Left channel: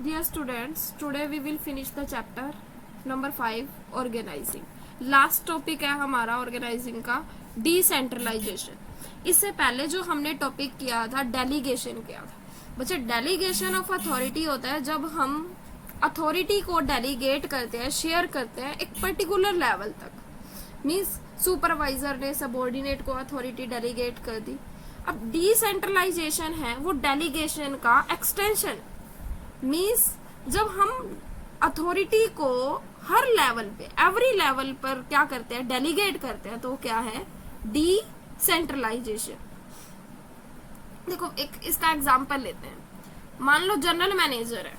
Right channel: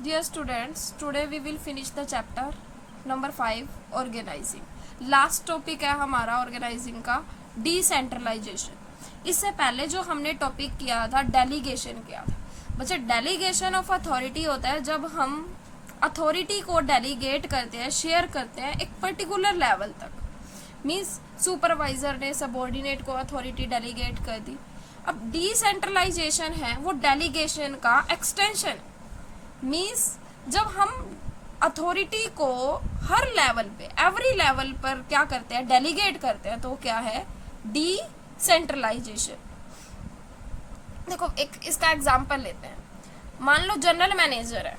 Dear students, today we will finish the chapter number 5 organizing. Last topic है हमारा organising का decentralisation. इससे पहले जो हमने टॉपिक किया था डेलीगेशन किया था। बच्चे डेलीगेशन ऑफ अथॉरिटी होता है जब हम अथॉरिटी को डेलीगेट करते हैं, शेयर करते हैं एक पर्टिकुलर लेवल तक। मीन्स सुपरवाइजर ने सबऑर्डिनेट को अथॉरिटी डेलीगेट कर दी। अब डिसेंट्रलाइजेशन है वो डेलीगेशन का एक्सटेंशन। मीन्स जब हम अथॉरिटी को हर लेवल पे, एवरी लेवल पर क्या करते हैं, डेलीगेट करते हैं, तो क्या है डिसेंट्रलाइजेशन। देखो एक इसका एग्जांपल लेते हैं। मान लो जनरल मैनेजर है,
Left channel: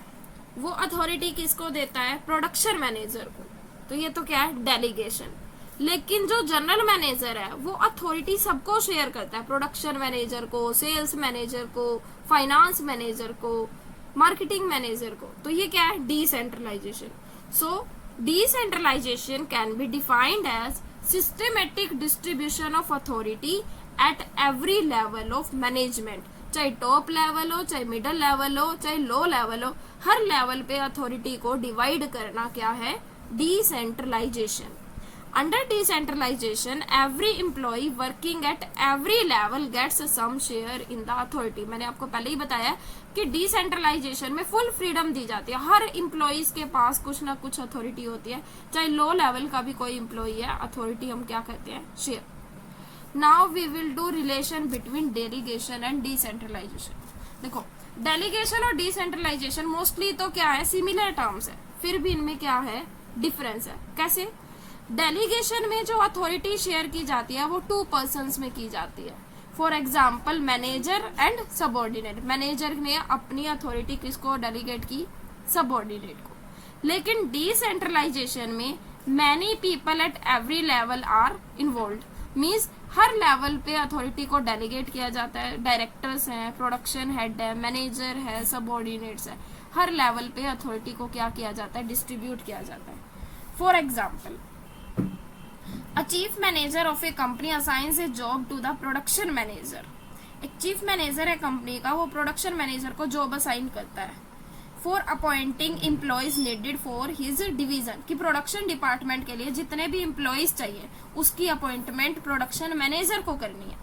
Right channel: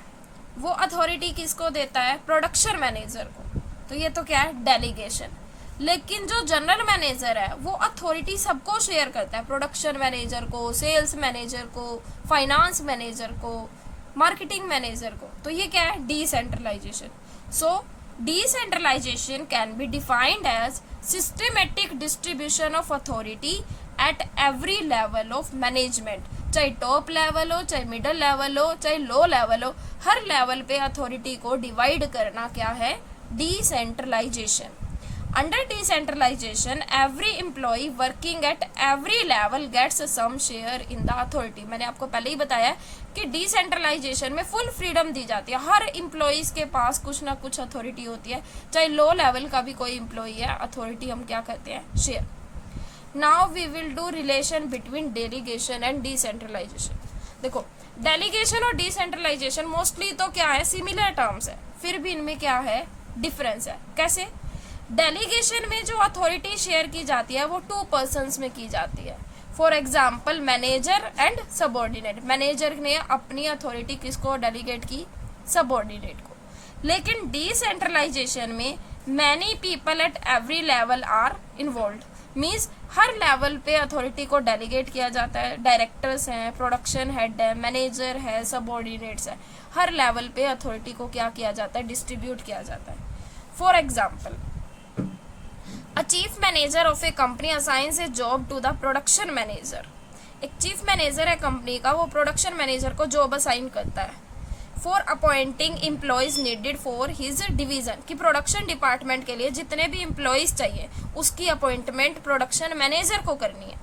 वो अथॉरिटी किसको देता है, प्रोडक्शन मैनेजर को, तो ये तो क्या है डेलीगेशन। लेकिन जो जनरल मैनेजर है वो अथॉरिटी सबको शेयर करता है, प्रोडक्शन मैनेजर को, सेल्स मैनेजर को, फाइनेंस मैनेजर को, मार्केटिंग मैनेजर को, तो ये क्या है decentralization. So decentralization can be defined as systematic distribution of authority at every level of management. चाहे टॉप लेवल हो, चाहे मिडिल लेवल हो, चाहे लो लेवल हो, हर लेवल पे अथॉरिटी को डिवाइड करना क्या है decentralization. Under decentralization, every employee working at every level gets some share in the authority. मैंने आपको पहले ही बताया कि डिसेंट्रलाइजेशन में फुल फ्रीडम दी जाती है। हर इम्प्लॉइज के पास कुछ ना कुछ अथॉरिटी होती है, चाहे लो लेवल का भी कोई इम्प्लॉई है, अथॉरिटी हम क्या करते हैं, share. Now we will do relation between delegation and decentralization. देखो डेलीगेशन और डिसेंट्रलाइजेशन मोस्टली तो क्या है, सिमिलर टर्म्स है, फिर भी इनमें क्या है डिफरेंस है। कैसे? डेलीगेशन में जो अथॉरिटी शेयर की जाती है वो 2 पर्सन्स में की जाती है। For example manager and subordinate. Manager ने अपनी अथॉरिटी किसको डेलीगेट की, सबऑर्डिनेट को। लेकिन डिसेंट्रलाइजेशन में many people at every level are involve. Means हर लेवल पे अथॉरिटी को डेलीगेट किया जाता है। डायरेक्टर्स हैं, प्रोडक्शन हेड है, मैनेजर है, सबऑर्डिनेट्स है, हर लेवल पे अथॉरिटी को क्या किया जाता है, डिस्ट्रीब्यूट किया जाता है। For example A chief manager of a company assigns a job to the production manager. एक चीफ मैनेजर है कंपनी का, वो प्रोडक्शन मैनेजर को जॉब असाइन करता है for appointing employees needed for his division. कि प्रोडक्शन डिपार्टमेंट के लिए जितने भी एम्प्लॉयज चाहिए उसकी अपॉइंटमेंट प्रोडक्शन मैनेजर को करनी है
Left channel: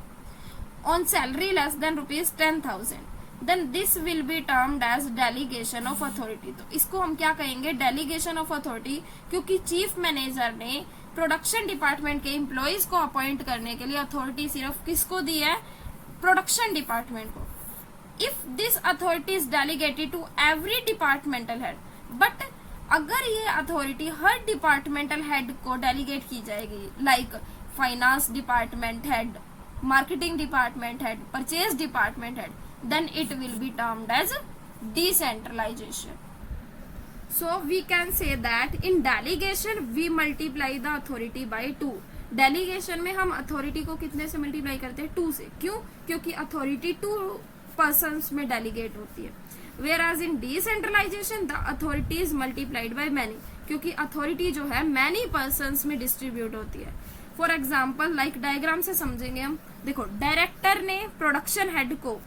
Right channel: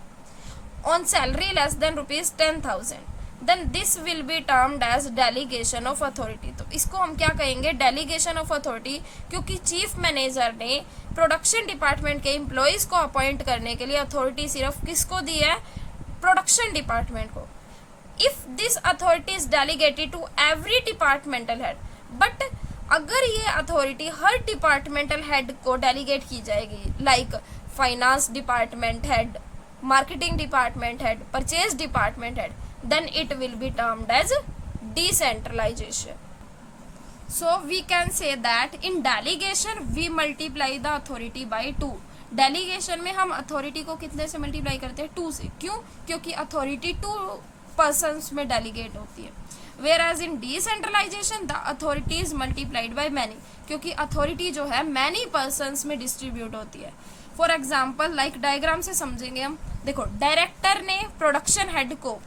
on salary less than ₹10,000। Then this will be termed as delegation of authority. तो इसको हम क्या कहेंगे, डेलीगेशन ऑफ अथॉरिटी, क्योंकि चीफ मैनेजर ने प्रोडक्शन डिपार्टमेंट के एम्प्लॉयज को अपॉइंट करने के लिए अथॉरिटी सिर्फ किसको दी है, प्रोडक्शन डिपार्टमेंट को। If this authority is delegated to every departmental head, but अगर ये अथॉरिटी हर डिपार्टमेंटल हेड को डेलीगेट की जाएगी, like finance department head, marketing department head, purchase department head, then it will be termed as decentralization. So we can say that in delegation we multiply the authority by 2. Delegation में हम authority को कितने से multiply करते हैं, 2 से। क्यों? क्योंकि अथॉरिटी 2 पर्सन्स में डेलीगेट होती है। whereas in decentralization the authority is multiplied by many, क्योंकि अथॉरिटी जो है मैनी पर्सन्स में डिस्ट्रीब्यूट होती है। फॉर एग्जाम्पल लाइक डायग्राम से समझेंगे हम। देखो डायरेक्टर ने प्रोडक्शन हेड को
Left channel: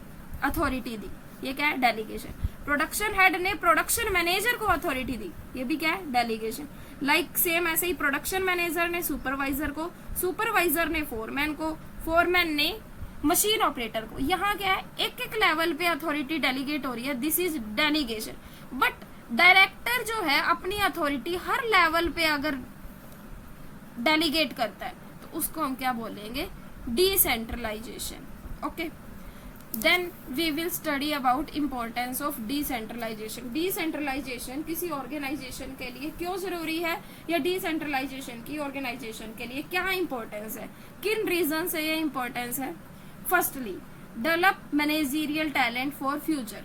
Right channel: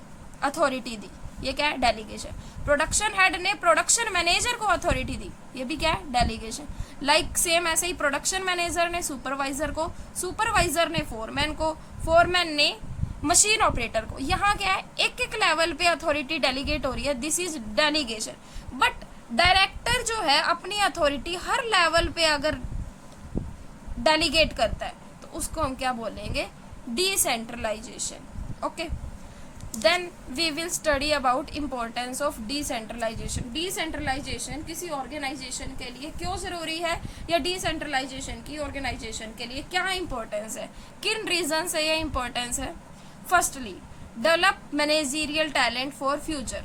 अथॉरिटी दी, ये क्या है डेलीगेशन। प्रोडक्शन हेड ने प्रोडक्शन मैनेजर को अथॉरिटी दी, ये भी क्या है डेलीगेशन। लाइक सेम ऐसे ही प्रोडक्शन मैनेजर ने सुपरवाइजर को, सुपरवाइजर ने फोरमैन को, फोरमैन ने मशीन ऑपरेटर को। यहाँ क्या है, एक एक लेवल पे अथॉरिटी डेलीगेट हो रही है, this is delegation. But director जो है अपनी अथॉरिटी हर लेवल पे अगर डेलीगेट करता है तो उसको हम क्या बोलेंगे, decentralization. Okay, then we will study about importance of decentralization. Decentralization किसी ऑर्गेनाइजेशन के लिए क्यों जरूरी है, या डिसेंट्रलाइजेशन की ऑर्गेनाइजेशन के लिए क्या इंपॉर्टेंस है, किन रीजन से ये इंपॉर्टेंस है। Firstly develop managerial talent for future.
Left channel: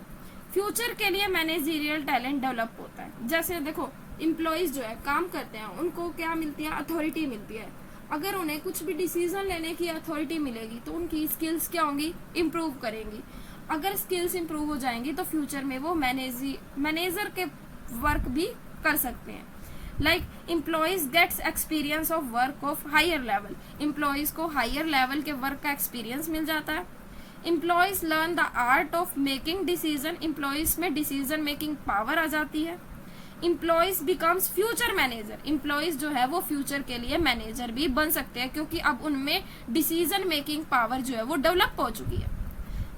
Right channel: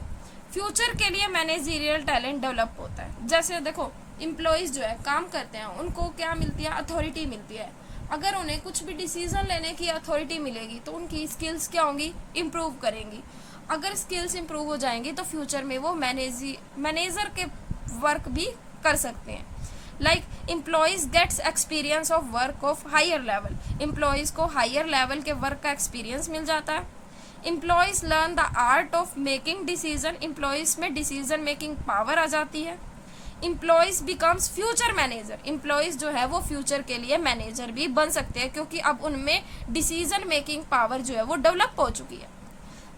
Future के लिए मैनेजरियल टैलेंट डेवलप होता है। जैसे देखो इम्प्लॉइज जो है काम करते हैं, उनको क्या मिलती है, अथॉरिटी मिलती है। अगर उन्हें कुछ भी डिसीजन लेने की अथॉरिटी मिलेगी तो उनकी स्किल्स क्या होंगी, इम्प्रूव करेंगी। अगर स्किल्स इम्प्रूव हो जाएंगी तो फ्यूचर में वो मैनेजर के वर्क भी कर सकते हैं। Like employees gets experience of work of higher level. Employees को हायर लेवल के वर्क का एक्सपीरियंस मिल जाता है। Employees learn the art of making decision, employees में डिसीजन मेकिंग पावर आ जाती है। Employees becomes future manager, employees जो है वो फ्यूचर के लिए मैनेजर भी बन सकते हैं क्योंकि अब उनमें डिसीजन मेकिंग पावर जो है वो डेवलप हो चुकी है।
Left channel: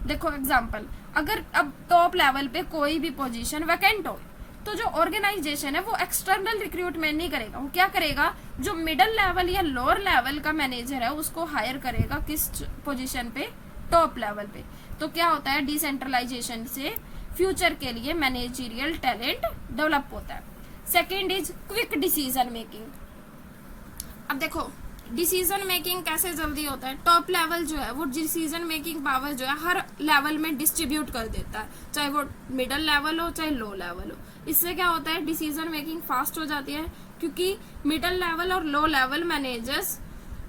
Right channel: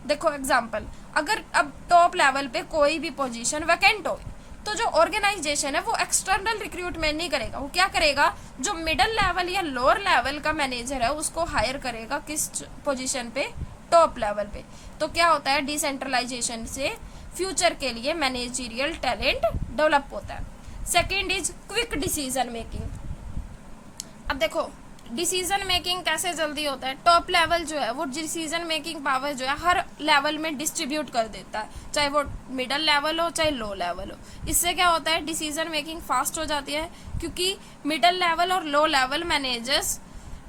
देखो एग्जांपल, अगर अब टॉप लेवल पे कोई भी पोजीशन वैकेंट हो तो जो ऑर्गेनाइजेशन है वो एक्सटर्नल रिक्रूटमेंट नहीं करेगा, वो क्या करेगा, जो मिडिल लेवल या लोअर लेवल का मैनेजर है उसको हायर करेगा किस पोजीशन पे, टॉप लेवल पे। तो क्या होता है, डिसेंट्रलाइजेशन से फ्यूचर के लिए मैनेजरियल टैलेंट डेवलप होता है। Second is quick decision making. अब देखो डिसीजन मेकिंग कैसे जल्दी होता है, टॉप लेवल जो है वो डिसीजन मेकिंग पावर जो है हर लेवल में डिस्ट्रीब्यूट कर देता है, चाहे वो मिडिल लेवल हो चाहे लो लेवल हो। इससे क्या होता है, डिसीजन मेकिंग फास्ट हो जाती है क्योंकि मिडिल लेवल और low level managers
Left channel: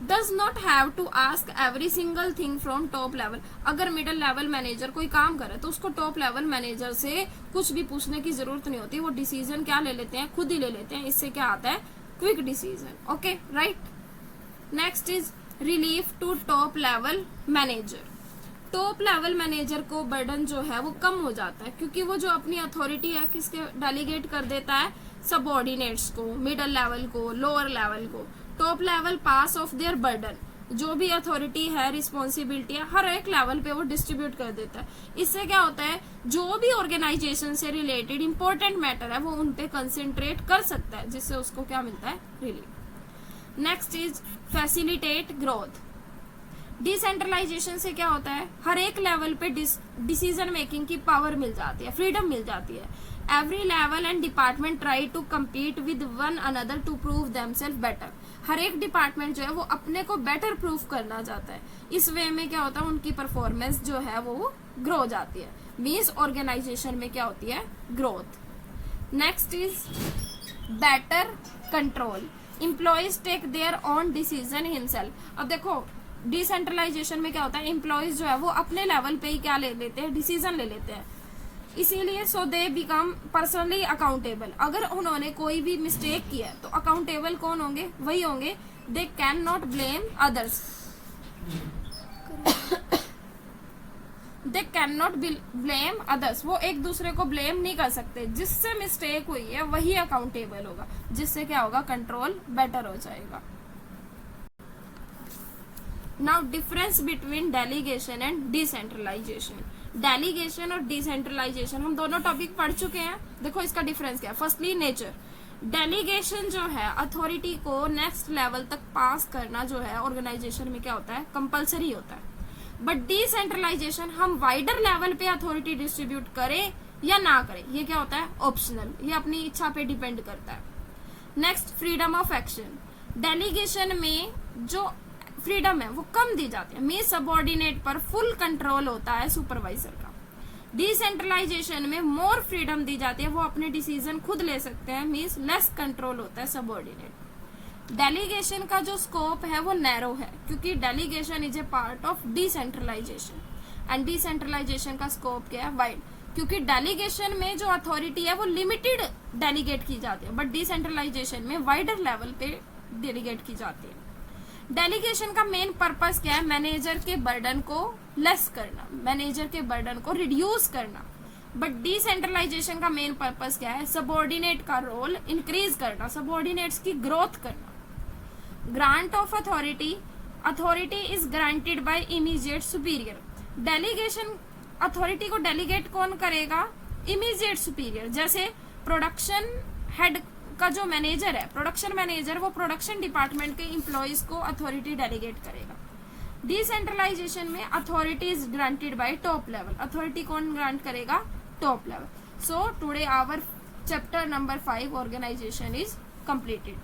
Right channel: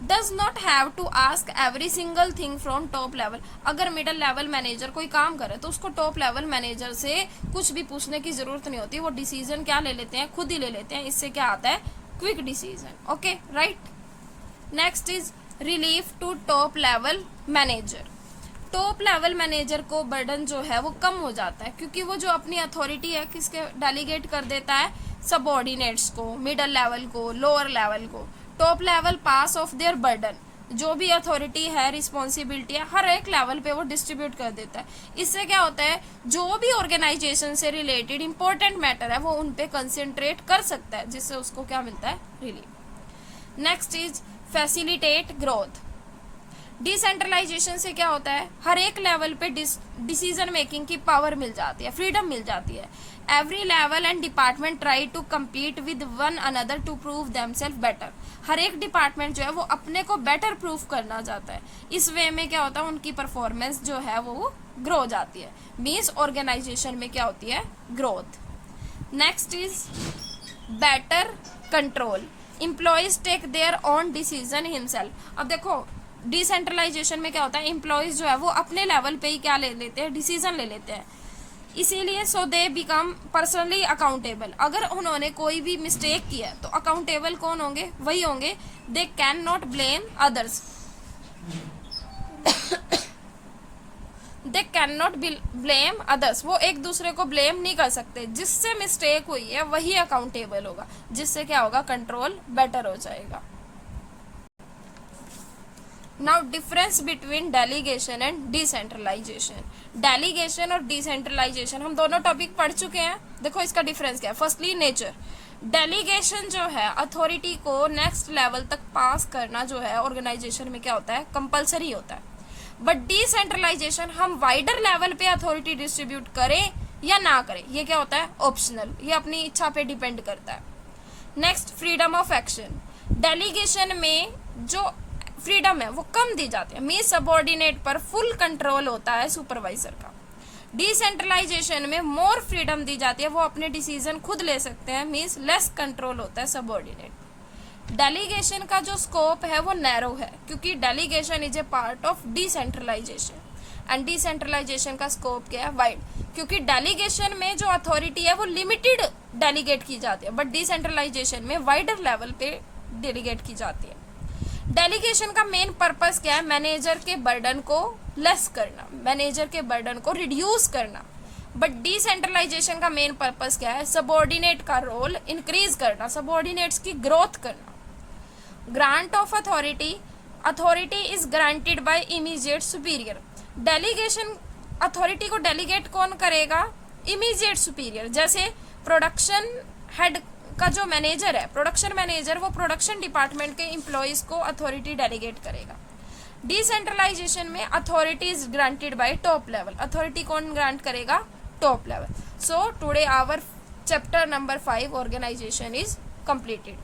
does not have to ask every single thing from top level. अगर मिडिल लेवल मैनेजर कोई काम करे तो उसको टॉप लेवल मैनेजर से कुछ भी पूछने की जरूरत नहीं होती, वो डिसीजन क्या ले लेते हैं, खुद ही ले लेते हैं। इससे क्या आता है, quick decision. Okay right. Next is relief to top level manager. Top level manager को बर्डन जो है वो कम हो जाता है क्योंकि वो जो अपनी अथॉरिटी है किसके डेलीगेट कर देता है, सबऑर्डिनेट्स को, मिडिल लेवल को, लोअर लेवल को। Top level pass of their burden, जो भी अथॉरिटी है, रिस्पॉन्सिबिलिटी है, हर एक लेवल पे वो डिस्ट्रीब्यूट कर देता है। इससे क्या होता है, जो भी ऑर्गेनाइजेशन से रिलेटेड इंपॉर्टेंट मैटर है वो उन पे कंसेंट्रेट कर सकता है, जिससे उसको क्या मिलता है, relief. Next is facilitate growth. Decentralisation से क्या होता है, हर एक लेवल पे डिसीजन मेकिंग की पावर मिल जाती है, फ्रीडम मिल जाती है। Every level and department try to compete with one another to prove themselves better. हर एक डिपार्टमेंट जो है वो अपने को बेटर प्रूव करना चाहता है। इस वे में क्या होता है, उनकी परफॉर्मेंस जो है वो ग्रो हो जाती है। मीन्स ऑर्गेनाइजेशन में क्या होती है, growth. Next is better control. Employees take their own decision himself. अब देखो डिसेंट्रलाइजेशन में क्या होता है, एम्प्लॉयज जो है वो अपने लेवल पे ही क्या ले लेते हैं, डिसीजन ले लेते हैं। इसीलिए सो दे बिकम पर्सनली अकाउंटेबल। अगर उन्होंने कोई भी मिस्टेक किया है तो अकाउंटेबल कौन होंगे, वही होंगे। They can not blame others, they can not blame others. वो एक दूसरे को ब्लेम नहीं कर सकते, जिससे मिस्टेक हुई है वही अकाउंटेबल होगा, जिससे क्या होगा, कंट्रोल बेटर हो जाएगा। Now difference between delegation and decentralization. Delegation और डिसेंट्रलाइजेशन हम दोनों टॉपिक पढ़ चुके हैं। देखो इसका डिफरेंस क्या है। Firstly nature. डेलीगेशन जो है अथॉरिटी को नेक्स्ट लेवल तक पास करना जो है ऑर्गेनाइजेशन में क्या होता है, कंपलसरी होता है। बट डिसेंट्रलाइजेशन हम वाइडर लेवल पे अथॉरिटी डिस्ट्रीब्यूट करें या ना करें, ये क्या होता है, ऑप्शनल, ये अपनी इच्छा पे डिपेंड करता है। Next freedom of action. Delegation में जो फ्रीडम है वो कम दी जाती है, मीन सबऑर्डिनेट पर फुल कंट्रोल होता है सुपरवाइजर का। डिसेंट्रलाइजेशन में मोर फ्रीडम दी जाती है, वो अपने डिसीजन खुद ले सकते हैं, मीन्स लेस कंट्रोल होता है सबऑर्डिनेट। डेलीगेशन का जो स्कोप है वो नैरो है क्योंकि delegation is a part of decentralization and decentralization का स्कोप क्या है, वाइड, क्योंकि डेलीगेशन में जो अथॉरिटी है वो लिमिटेड डेलीगेट की जाती है, बट डिसेंट्रलाइजेशन में वाइडर लेवल पे डेलीगेट की जाती है। डेलीगेशन का मेन पर्पस क्या है, मैनेजर के बर्डन को लेस करना, मैनेजर के बर्डन को रिड्यूस करना। बट डिसेंट्रलाइजेशन का मेन पर्पस क्या है, सबऑर्डिनेट का रोल इंक्रीज करना, सबऑर्डिनेट्स की ग्रोथ करना। Grant of authority. Authority is granted by immediate superior. Delegation authority को डेलीगेट कौन करेगा, इमीडिएट सुपीरियर। जैसे प्रोडक्शन हेड का जो मैनेजर है, प्रोडक्शन मैनेजर, वो प्रोडक्शन डिपार्टमेंट के एम्प्लॉयज को अथॉरिटी डेलीगेट करेगा। डिसेंट्रलाइजेशन में authority is granted by top level. Authority कौन ग्रांट करेगा, top level. So today our chapter number 5 organization is completed.